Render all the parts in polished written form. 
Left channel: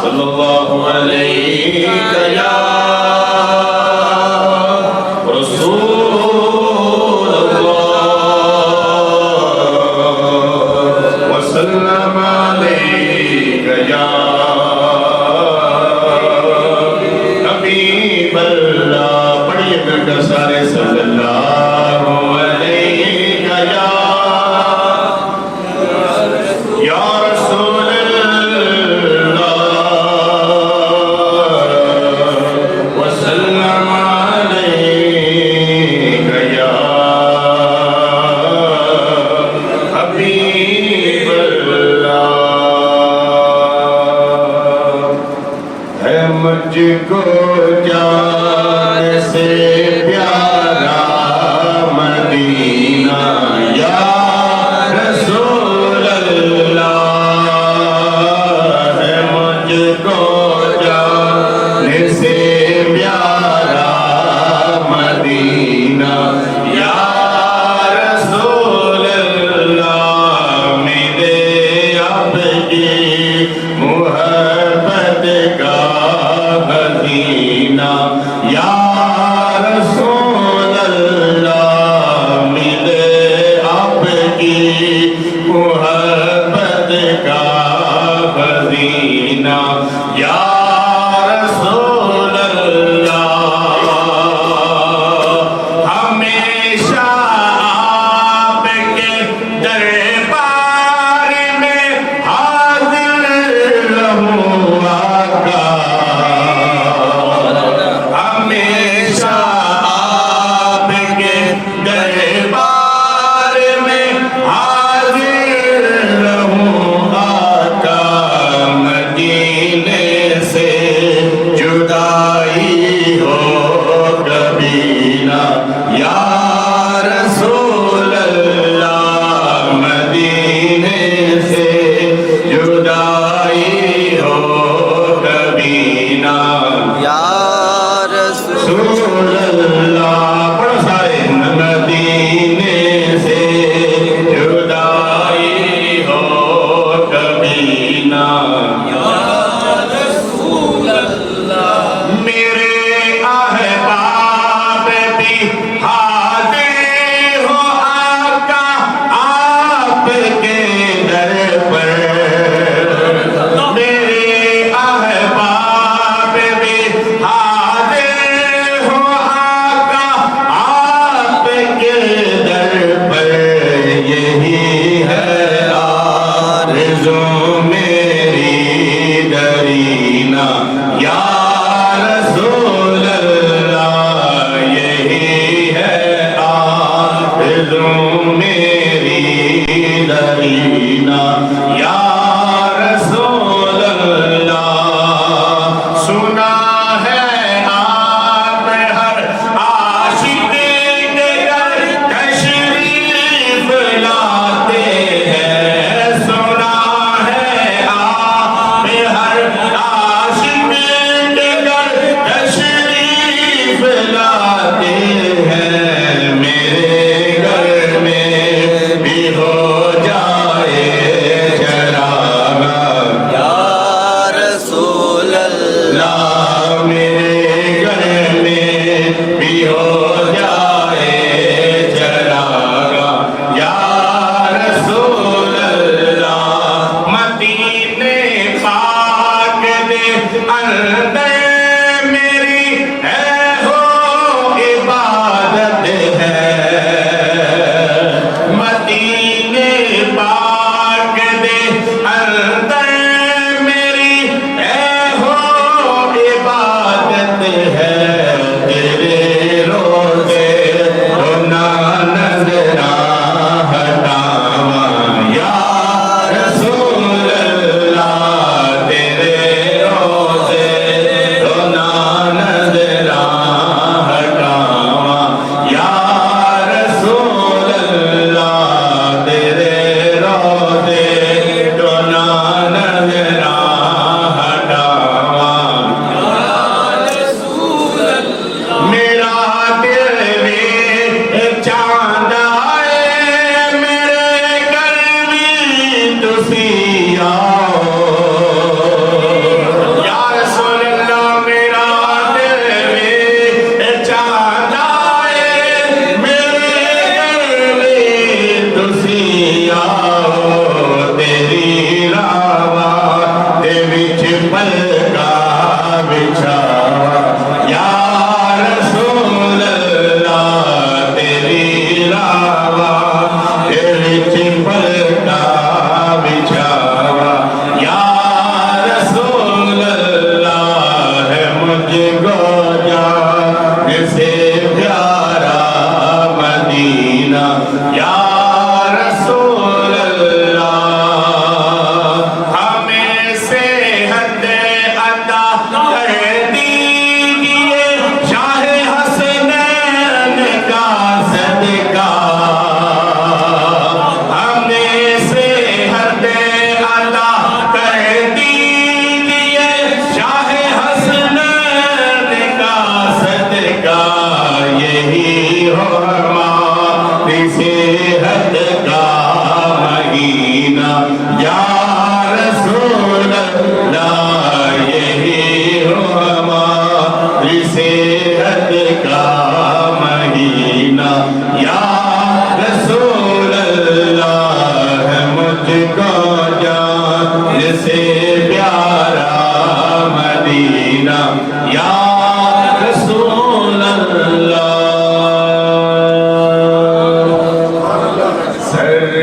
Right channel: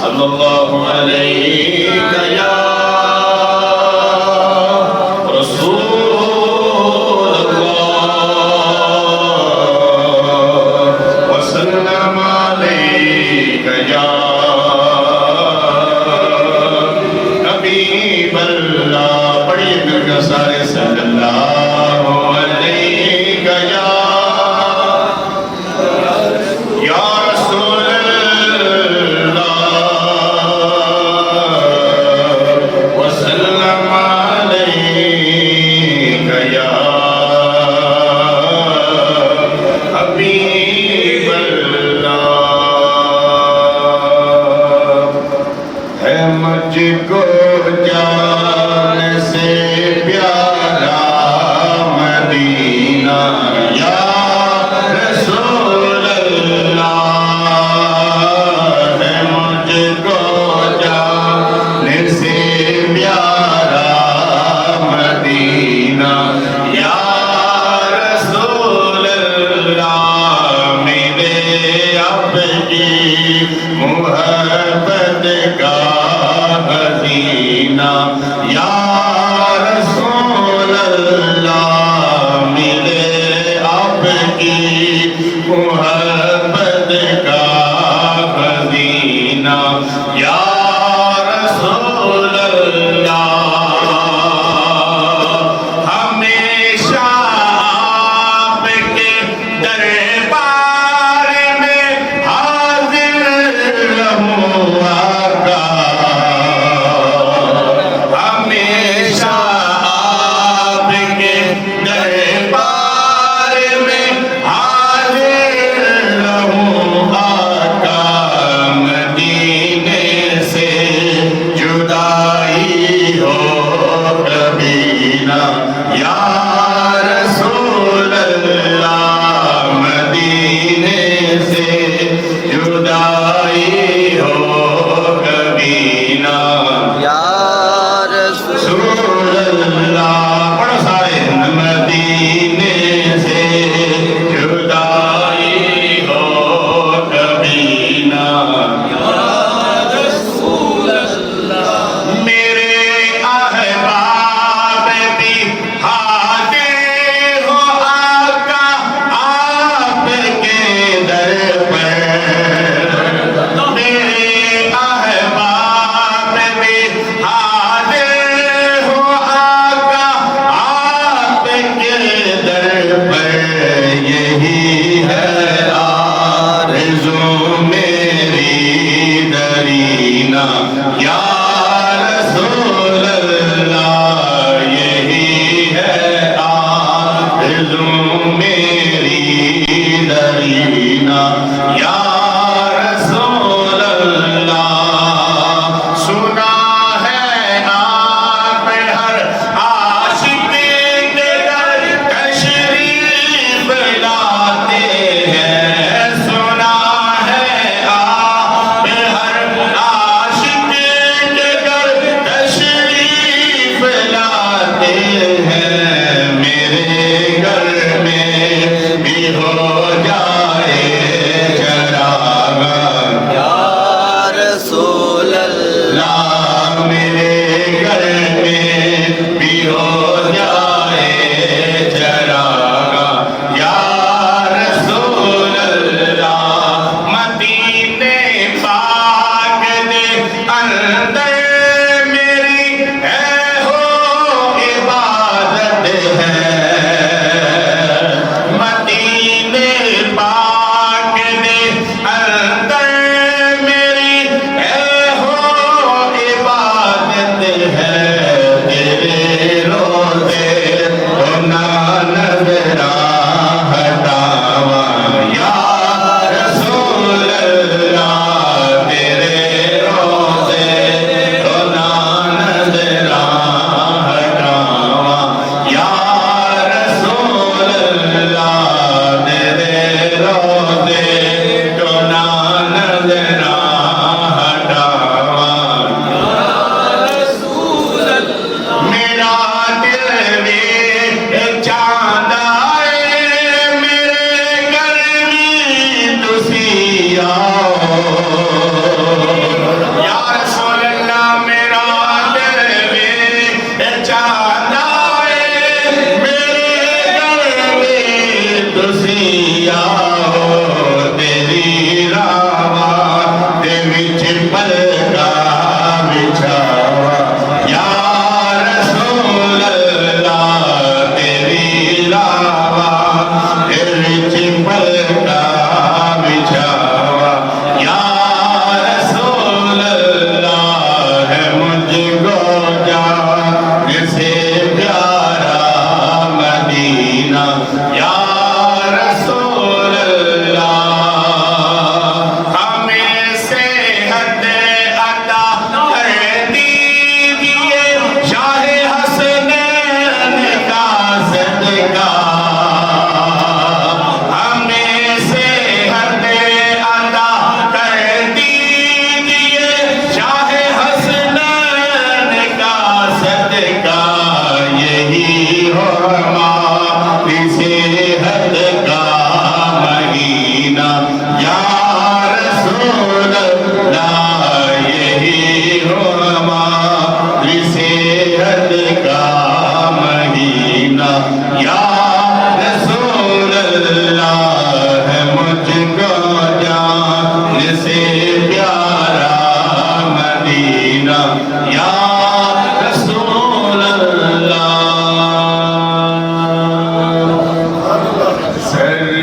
صلی اللہ علیہ یا رسول اللہ وسلم علیہ یا حبیب اللہ. پڑھیے مل کر سارے صلی اللہ علیہ یا رسول مجھ کو جان سے پیارا مدینہ یا رسول اللہ ہے. مجھ کو جان سے پیارا مدینہ یا رسول اللہ. میرے اب کی محبت کا خزینہ یا رسول اللہ. ملے آپ کی محبت کا خزینہ یا رسول اللہ. ہمیشہ آپ کے دربار میں حاضر رہوں آقا. ہمیشہ آپ کے دربار میں حاضر رہوں آقا. مدینے سے جدائی ہو کبھی نہ یا رسول اللہ. مدینے سے جدائی ہو کبھی نہ یا رسول رسول اللہ. پڑھو سارے. مدینے سے جدائی ہو کبھی نہ میرے احباب بھی حاضر ہو آقا آپ کے در پر. میرے احباب بھی حاضر ہو آقا آپ کے در پر. یہی ہے آرزو میری درینہ یا رسول اللہ. یہی ہے آرزو میری درینہ یا رسول اللہ. سنا ہے آپ ہر عاشق کے در تشریف لاتے ہیں. سنا ہے آپ ہر عاشق کے در تشریف لاتے ہیں. میرے گھر میں بھی ہو جائے چراغ یا رسول اللہ. میرے گھر میں بھی ہو جائے چراغ یا رسول اللہ. مدینے پاک دے اندر میری ہے ہو عبادت ہے. مدینے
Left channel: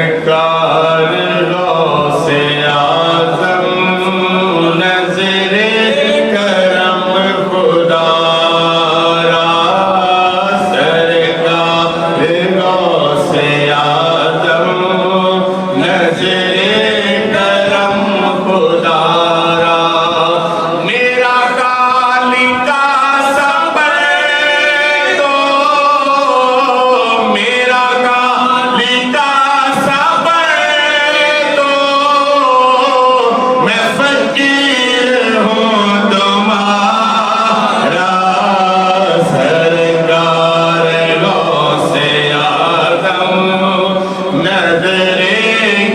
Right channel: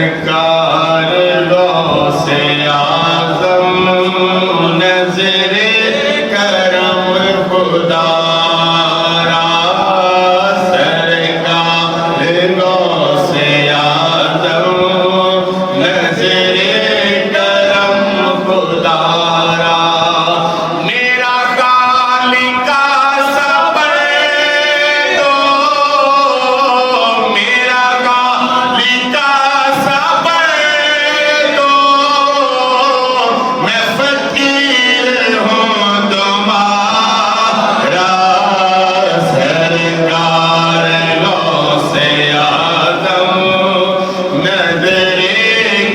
سرکار غوث اعظم نظر کرم خدا را سرکار غوث اعظم نظر کرم خدا را میرا خالق صبر دو میرا خالق صبر دو میں فقیر ہوں تمہارا سرکار غوث اعظم نظر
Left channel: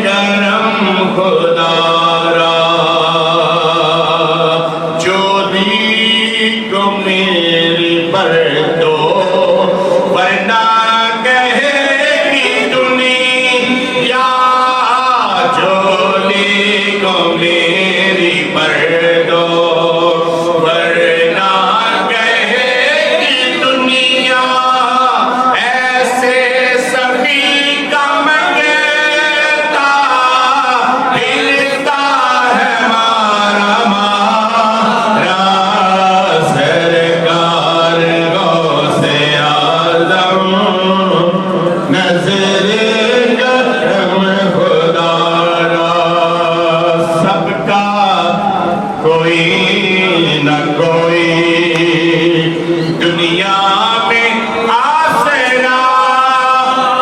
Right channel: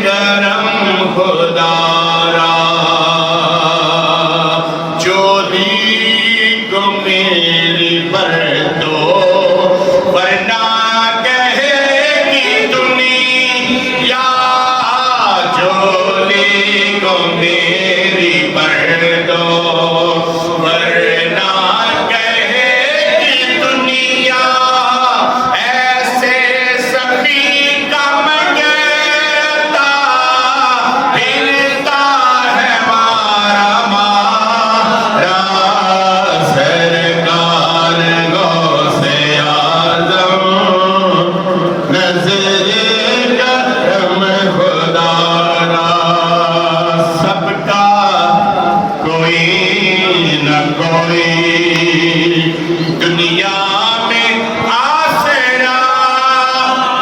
کرم خدا را چولی کو میری پر دو ورنہ کہے گی دنیا چولی کو میری پر دو ورنہ کہے گی دنیا ایسے سخی کا منگتا پھرتا ہے مارا مارا سرکار غوث اعظم نظر کرم خدا را سب کا کوئی نہ کوئی دنیا میں آسرا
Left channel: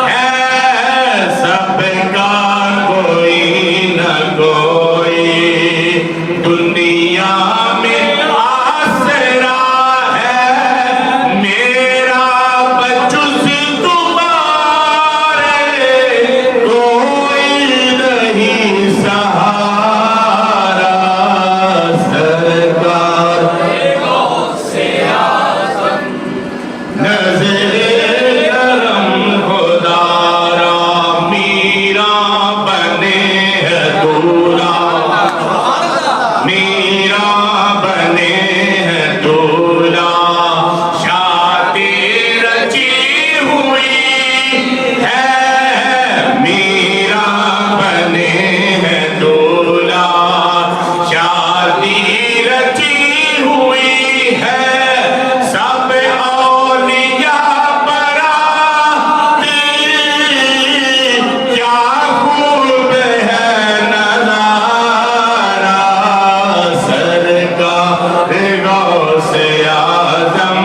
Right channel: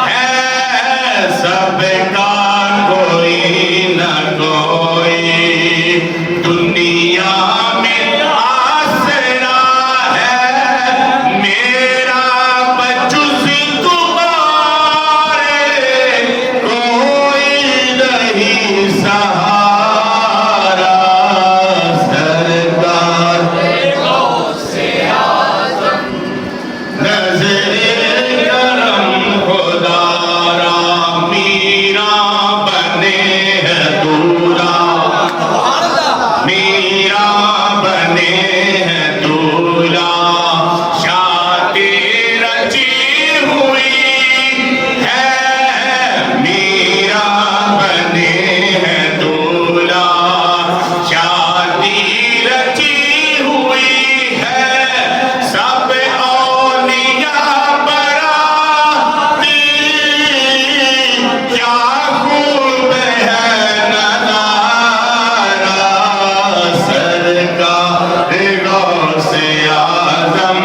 ہے سب کا کوئی نہ کوئی دنیا میں آسرا ہے میرا بجز تمہارے کوئی نہیں سہارا سرکار نظر کرم خدا را میرا بنے ہے دولہا میرا بنے ہے دولہا شادی رچی ہوئی ہے میرا بنے ہے دولہا شادی رچی ہوئی ہے سب اولیاء براتی کیا خوب ہے نظارہ سرکار غوث اعظم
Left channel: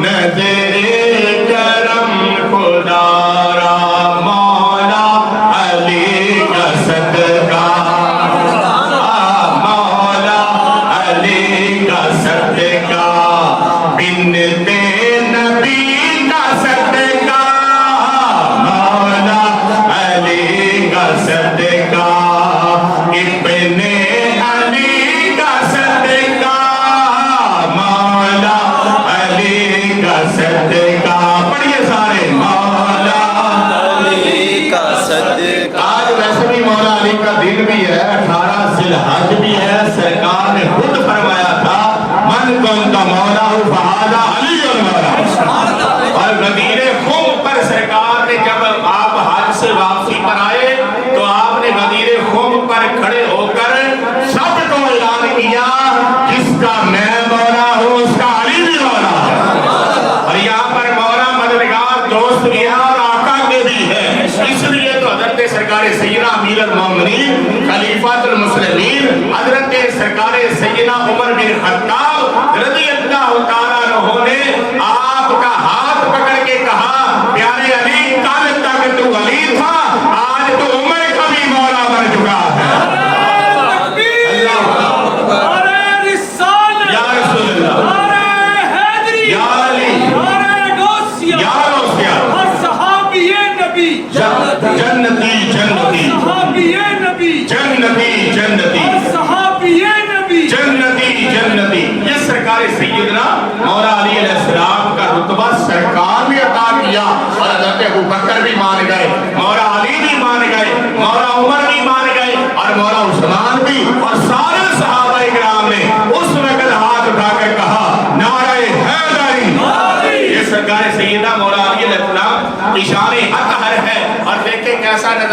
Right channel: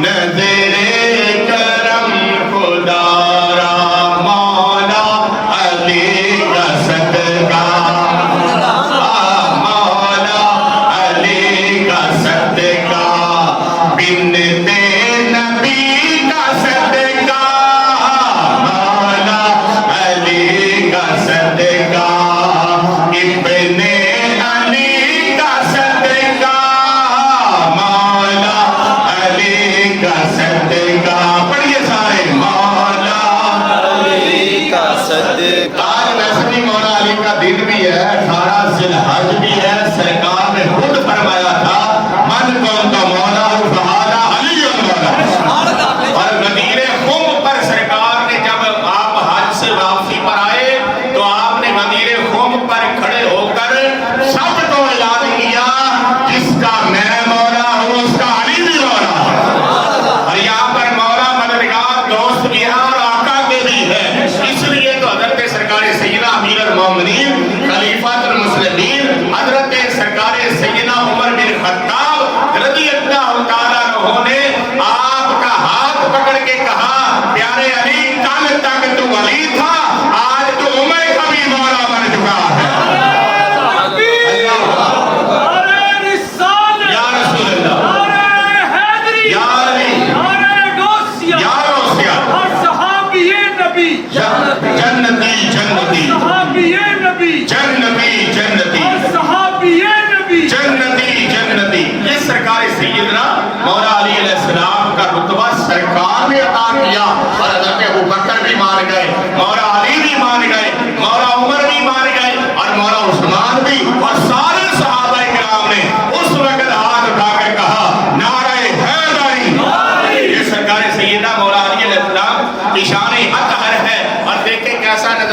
نظر کرم خدا را مولا علی کا صدقہ مولا علی کا صدقہ بنتے نبی کا صدقہ مولا علی کا صدقہ ابن علی کا صدقہ مولا علی کا صدقہ پڑھیے سارے مولا علی کا صدقہ آج ویسے بھی مولا علی کا دن بھی ہے 18 ذی الحج بھی ہے سرکار نے خود فرمایا تھا من قوم کا مولا ہوں فہذا علی المولا اور غدیر خم پر سرکار نے جب آپ حج سے واپسی پر آئے تو آپ نے غدیر خم پر کھڑے ہو کر سب کو اعلان کیا جس کا میں مولا ہوں اس کا علی بھی مولا ہے اور یہاں پر مولا مددگار دوست بھی ہے اور آقا کے بھی ہے اس لیے تو حضرت سرکار سیدنا امیر المومنین خلیفۃ المسلمین حضرت سرکار سیدنا عمر بن خطاب رضی اللہ تعالیٰ عنہ نے آپ کا ہاتھ پکڑ کے کہا پیارے علی کل تک تو علی تھا آج تو عمر کا بھی مولا بن چکا ہے یا رسول اللہ یا علی یا غوث جنتی جنتی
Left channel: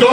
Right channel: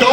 2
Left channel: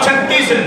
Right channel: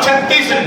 36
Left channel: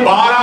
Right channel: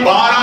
12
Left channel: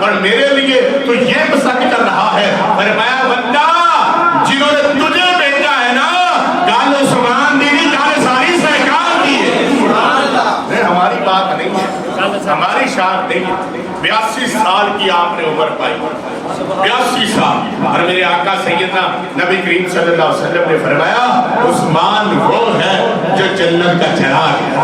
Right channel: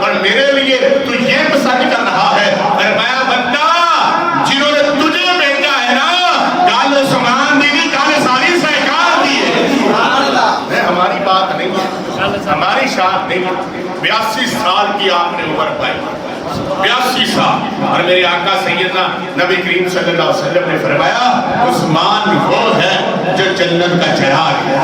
اور میرے لیے تو یہ پسند کر رہا ہے۔ فرمایا بندہ جنہوں نے تجھے بھیجا ہے نا، کل عثمان دی نہیں، کل ساری سرکار دی ہے۔ ہماری بات نہیں ہے، ہماری شان نہیں ہے۔ 82 سال کی آپ نے عمر پائی، 82 سال، اور میرے آقا سیدنا نبی کریم صلی اللہ علیہ وسلم نے فرمایا عثمان وہ ہے جو جنت کا چراغ ہے،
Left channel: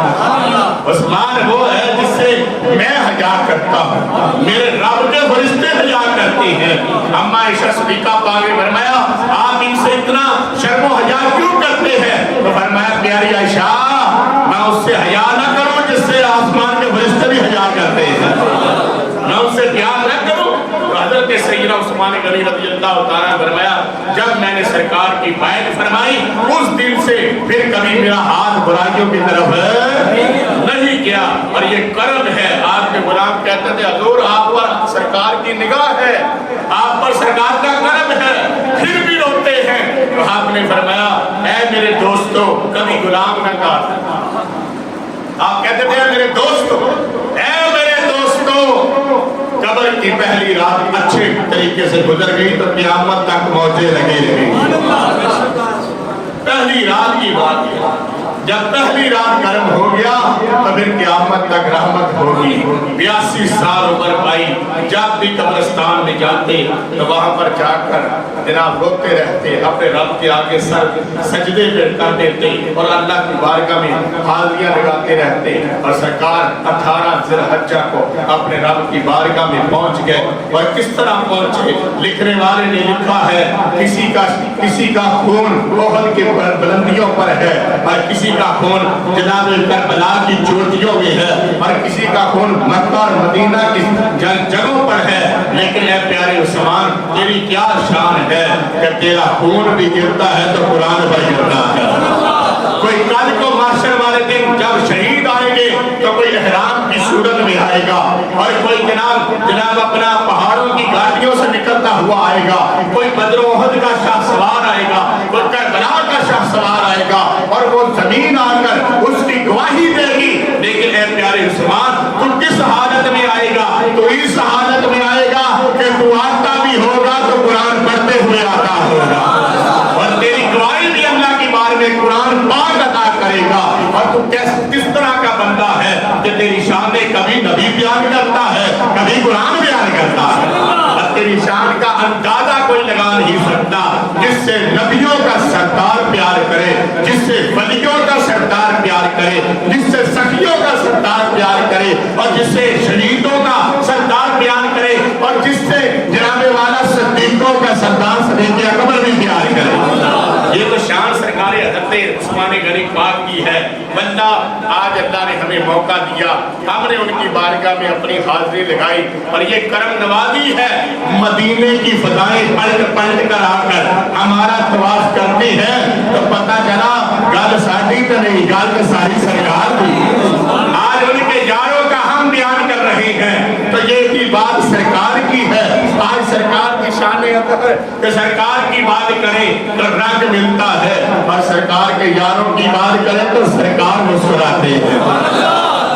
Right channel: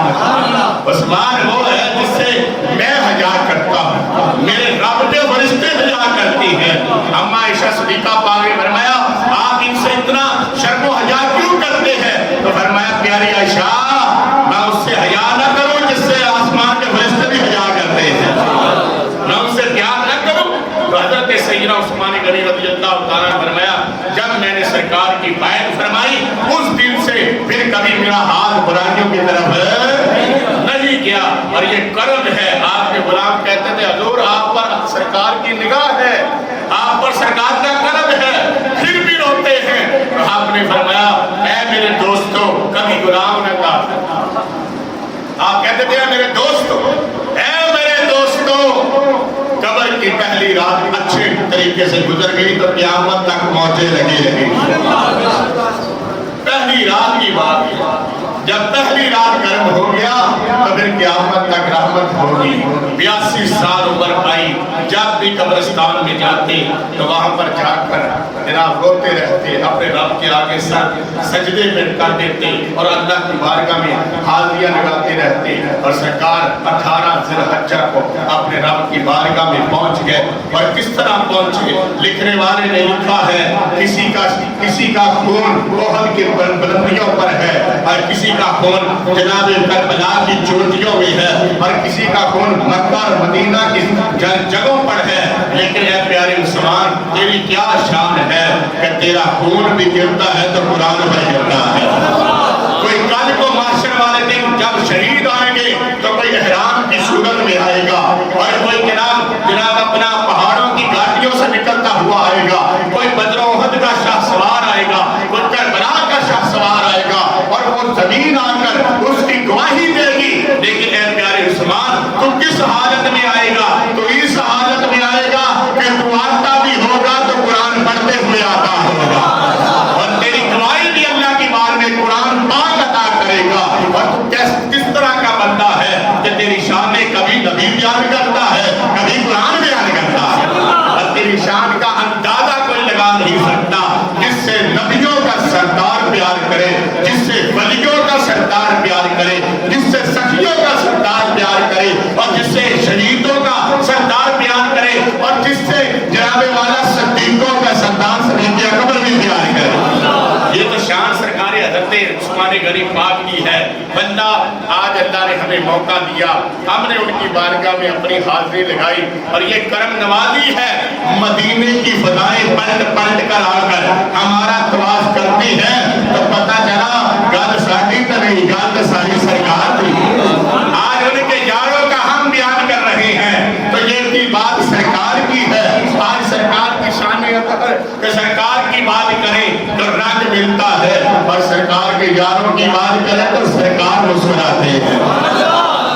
عثمان وہ ہے جس سے میں حیا کرتا ہوں، میرے رب کے فرشتے حیا کرتے ہیں۔ اما عائشہ صدیقہ پاک نے فرمایا آپ ان سے اتنا شرم و حیا کیوں کرتے ہیں؟ تو فرمایا پیاری عائشہ میں اس سے حیا نہ کروں جس سے آسمان کے فرشتے بھی حیا کرتے ہیں، میں اس سے پیار نہ کروں۔ تو حضرت سیدنا عثمان غنی رضی اللہ تعالیٰ نے فرمایا جب میں نے سرکار کی بیعت فرمائی اس دن سے پھر کبھی میرا ہاتھ برائیوں کی طرف نہیں گیا، اور یہ کرم ہے۔ آپ کے غلام کہتے تھے حضور آپ پر سرکار کی نگاہ ہے، آپ پر سرکار کا کرم ہے، پھر بھی روتے ہیں۔ تو آپ نے فرمایا اے میرے دوستو، کبھی غلام نہ کہا، آپ کہتے تھے میرے دوستو، اے میرے دوستو، قبر کی پہلی رات اچھے طریقے سے گزر گئی تو قیامت تک موجے لگے رہے۔ پہلی رات کی بات ہے، جب پہلی رات گرم ہو گیا تو پھر قیامت تک رحمت ہوگی۔ 82 سال عمر پائی، جب بھی قبرستان میں جاتے تو وہاں پر جا کر جناب روتے رہتے، اپنے رب کے آگے سر سجدے پہ کر دیتے اور اللہ کی بارگاہ میں حاضریاں لگاتے رہتے، اور سرکار 18 ذی الحجہ کو اپنے رب کی بارگاہ میں پہنچ گئے۔ اور کس طرح پہنچے؟ لکھنے والے نے لکھا ہے کسی کا خون احد کی بلندیوں پر ہے، اور کسی کا خون جناب کربلا کی چوٹیوں میں ہے، اور کسی کا خون مکہ اور مدینہ کی جگہوں پر ہے۔ لیکن اے پیارے عثمان تیری کیا شان ہے کہ تیرا خون بھی گرتا ہے تو قرآن پر گرتا ہے۔ کوئی کل کو محشر والے دن جب شہید آئیں گے تو کوئی احرام کی صورت میں آئے گا، اور کوئی جناب اپنا پہاڑوں کی گاڑیوں سے نکلتا ہوا آئے گا، کوئی بدر و احد کا شاہ سوار آئے گا، کوئی کربلا کا شاہ سوار آئے گا، اور وہ زمین آ کر اس کی گواہی دے گی۔ لیکن اے پیارے عثمان تو کس حالت میں آئے گا؟ تو اس حالت میں آئے گا کہ تو آتا بھی ہوگا تو قرآن پڑھتے ہوئے آتا ہوگا، اور تیری گواہی بھی اللہ کی بار میں قرآن پاک عطا کرے گا۔ اور تو کس طرح کا بندہ ہے کہ تیری شان کبھی نبی بیان کرتا ہے کبھی قرآن بیان کرتا ہے، اور تیری شان کا اندازہ کوئی لگا نہیں سکتا۔ جس سے نبیوں کا سردار پیار کرے، جس سے ولیوں کا سردار پیار کرے، جس سے سخیوں کا سردار پیار کرے، اور جس سے شہیدوں کا سردار پیار کرے، اور جس سے جناب والا صدیقوں کا سردار صدیق اکبر بھی پیار کرے۔ یہ تو شان سرکار حضرت عثمان غنی پاک کی ہے۔ بندہ آج اللہ نے ہمیں موقع دیا، ہم نے ان کی بارگاہ میں اپنی حاضری لگائی، اور یہ کرم نوازی ہے۔ مدینے کی فضائیں پلٹ پلٹ کر آ کر ہمارا طواف کرتی ہے تو پتہ چلا گل ساری تو نہیں، گل تو ساری سرکار تھی۔ آج ان کے یاروں کا ہم بیان کر رہے ہیں تو یہ بھی بات سرکار کی ہے۔ آج سرکار کی شان ہے کہ سرکار کی بات کریں تو رنگ ملتا ہے، اور سرکار کے یاروں کی بات کریں تو سرکار مسکراتے ہیں۔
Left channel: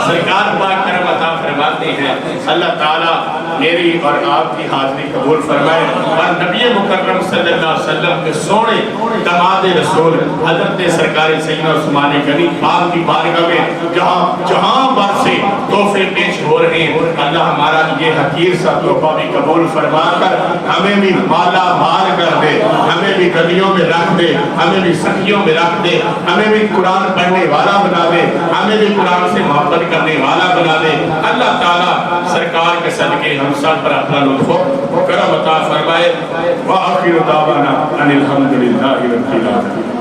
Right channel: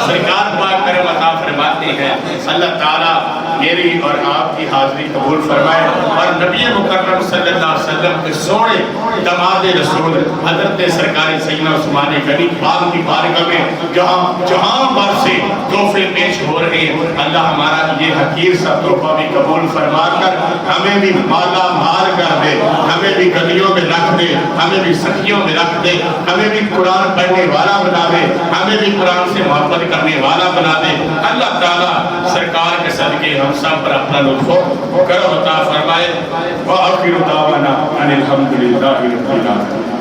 سرکار پاک کرم عطا فرماتے ہیں۔ اللہ تعالیٰ میری اور آپ کی حاضری قبول فرمائے، اور نبی مکرم صلی اللہ علیہ وسلم کے سونے داماد رسول حضرت سرکار سیدنا عثمان غنی پاک کی بارگاہ میں جہاں بر سے تحفے پیش ہو رہے ہیں، اللہ ہمارا یہ حقیر سا تحفہ بھی قبول فرما کر ہمیں بھی مالا مال کر دے، ہمیں بھی گلیوں میں رکھ دے، ہمیں بھی سخیوں میں رکھ دے، ہمیں بھی قرآن پڑھنے والا بنا دے، ہمیں بھی قرآن سے محبت کرنے والا بنا دے۔ اللہ تعالیٰ سرکار کے صدقے ہم سب پر اپنا لطف و کرم عطا فرمائے۔ وآخر دعوانا ان الحمد للہ رب العالمین۔